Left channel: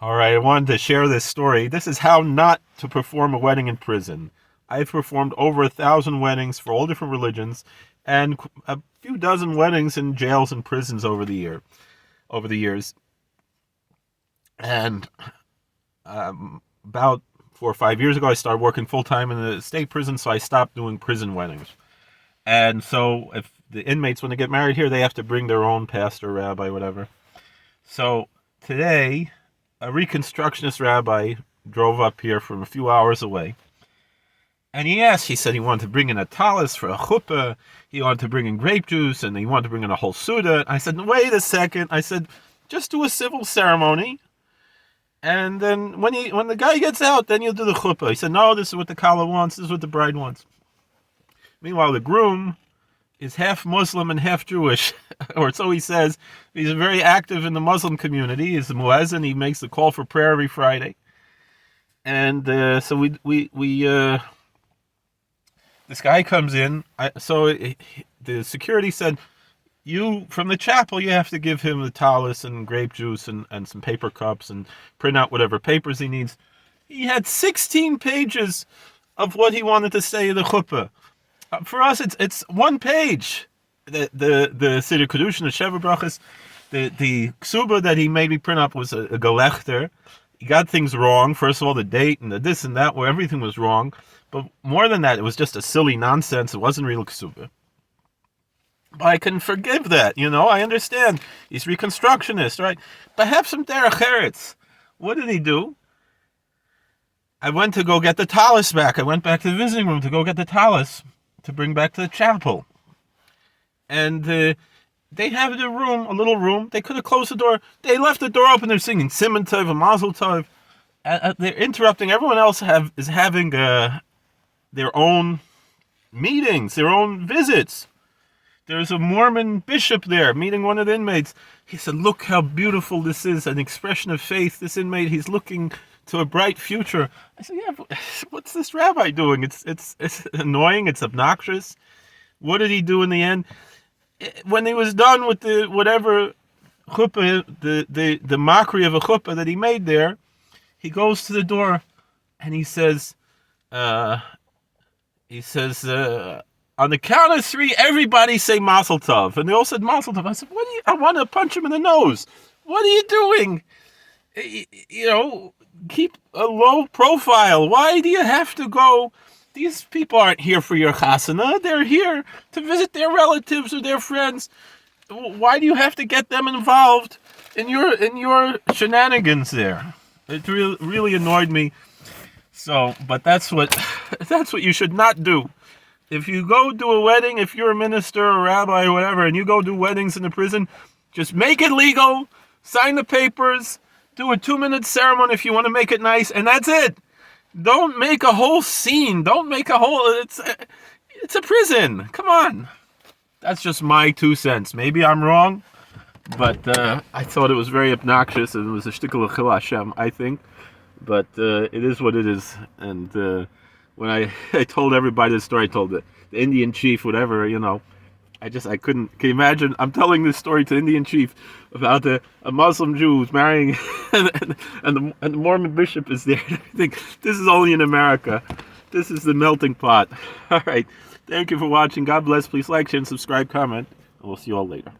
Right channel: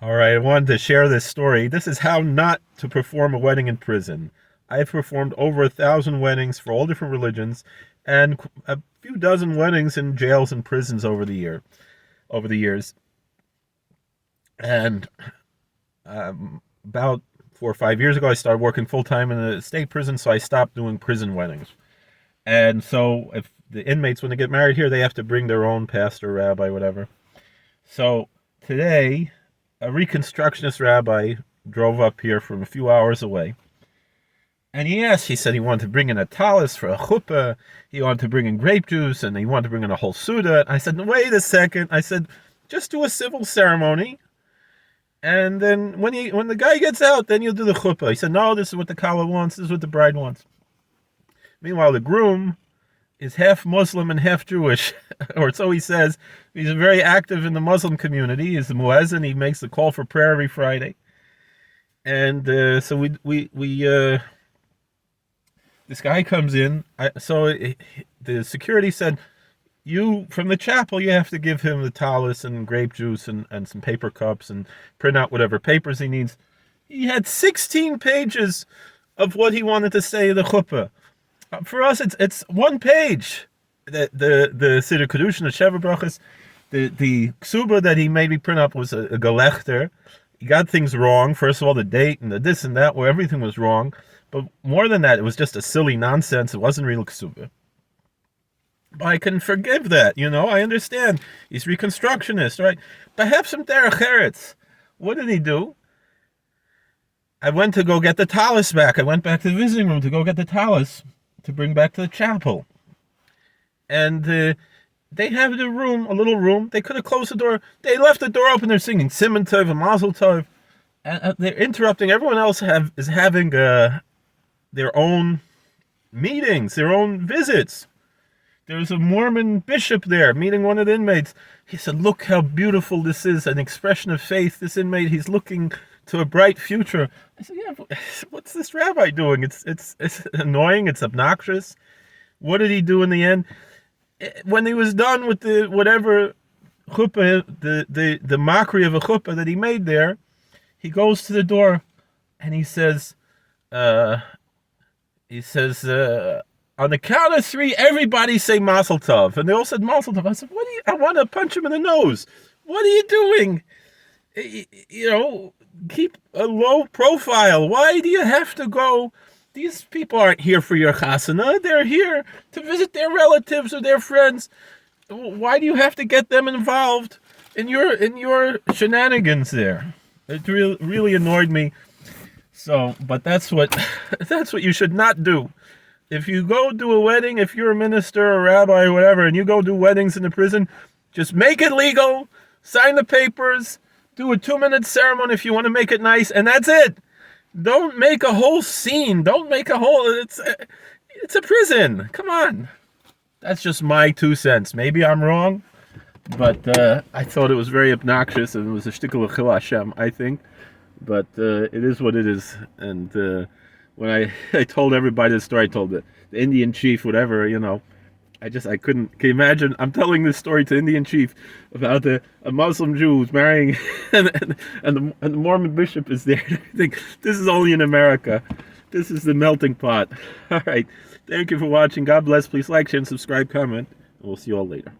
All right, I wanted to share this story. This is how not to perform a wedding in prison. I've performed over 1,000 weddings for all different religions, and a few dozen weddings in jails and prisons over the years. And about 4 or 5 years ago, I started working full time in the state prison, so I stopped doing prison weddings. And so, if the inmates, when they get married here, they have to bring their own pastor, rabbi, whatever. So today, a Reconstructionist rabbi drove up here from a few hours away. And he said he wanted to bring in a talis for a chuppah, he wanted to bring in grape juice, and he wanted to bring in a whole Suda. I said, wait a second. I said, just do a civil ceremony. And then when the guy gets out, then you'll do the chuppah. He said, no, this is what the kala wants. This is what the bride wants. Meanwhile, the groom is half Muslim and half Jewish, or so he says. He's very active in the Muslim community. He's a muezzin. He makes the call for prayer every Friday. And so this guy comes in. The security said, you, from the chapel, you have to give him the talis and grape juice and some paper cups and print out whatever papers he needs. He had 16 pages of what he wanted to say in the chuppah. For us, it's one page. The Siddur Kedushin, the Sheva Brachas, the ksuba that he made me print up was a galechter. He got things wrong. First of all, the date and the this and that, where everything was wrong. But more than that, it was just a silly nonsense. It wasn't real ksuba. But I can forgive that, I understand. He's Reconstructionist, right? But have some derech eretz. What did he do? I went to go get the talis back. I went back to the visiting room to go get the talis to bring back to the chapel. And they have the room, a little room. They could have closed the door. They left the door open. They're singing Siman Tov and Mazel Tov. And they're interrupting. Everyone else is having their own meetings, their own visits. There's a Mormon bishop there meeting one of the inmates. He said, look how beautiful this is, an expression of faith. This inmate, he's looking to a bright future. I said, yeah, but what's this rabbi doing? It's annoying. It's obnoxious. What did he do in the end? When he was done with the whatever chuppah, the mockery of a chuppah that he made there, he goes to the door and he says, on the count of three, everybody say Mazel Tov. And they all said Mazel Tov. I said, I want to punch him in the nose. What are you doing? Keep a low profile. Why do you have to go? These people aren't here for your chasana. They're here to visit their relatives or their friends. Why do you have to get them involved in your shenanigans there? It really annoyed me. So, but that's what you should not do. If you go do a wedding, if you're a minister or a rabbi or whatever, and you go do weddings in the prison, just make it legal, sign the papers, do a 2-minute ceremony if you want to make it nice, and that's it. Don't make a whole scene. Don't make a whole... It's a prison. Come on. That's just my 2 cents. Maybe I'm wrong, but I thought it was very obnoxious, and it was a shtickle of Chil Hashem, I think. But it is what it is, and... when I told everybody this story, I told the Indian chief, whatever, I couldn't. Can you imagine? I'm telling this story to Indian chief about a Muslim Jew who's marrying, and the Mormon bishop is there. I think this is only in America. This is the melting pot. All right. Thank you for watching. God bless. Please like, share, and subscribe, comment. And we'll see you all later.